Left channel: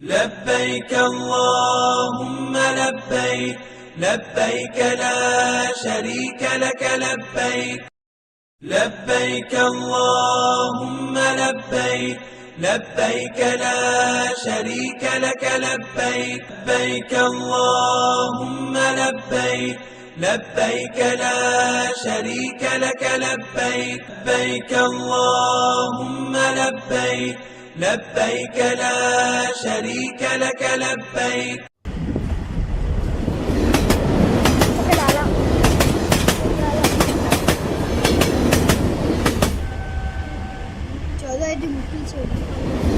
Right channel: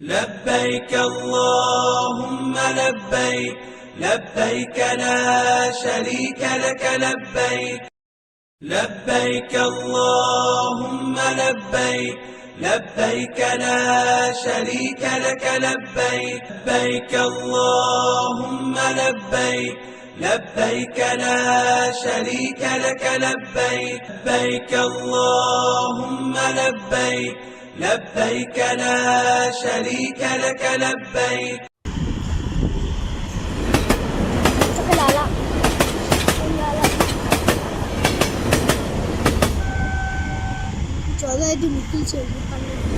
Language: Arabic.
لبيك اللهم لبيك لبيك لا شريك لك لبيك لبيك اللهم لبيك لبيك لا شريك لك لبيك لبيك اللهم لبيك لبيك لا شريك لك لبيك لبيك اللهم لبيك لبيك لا شريك لك لبيك. चौदह मुश्किल से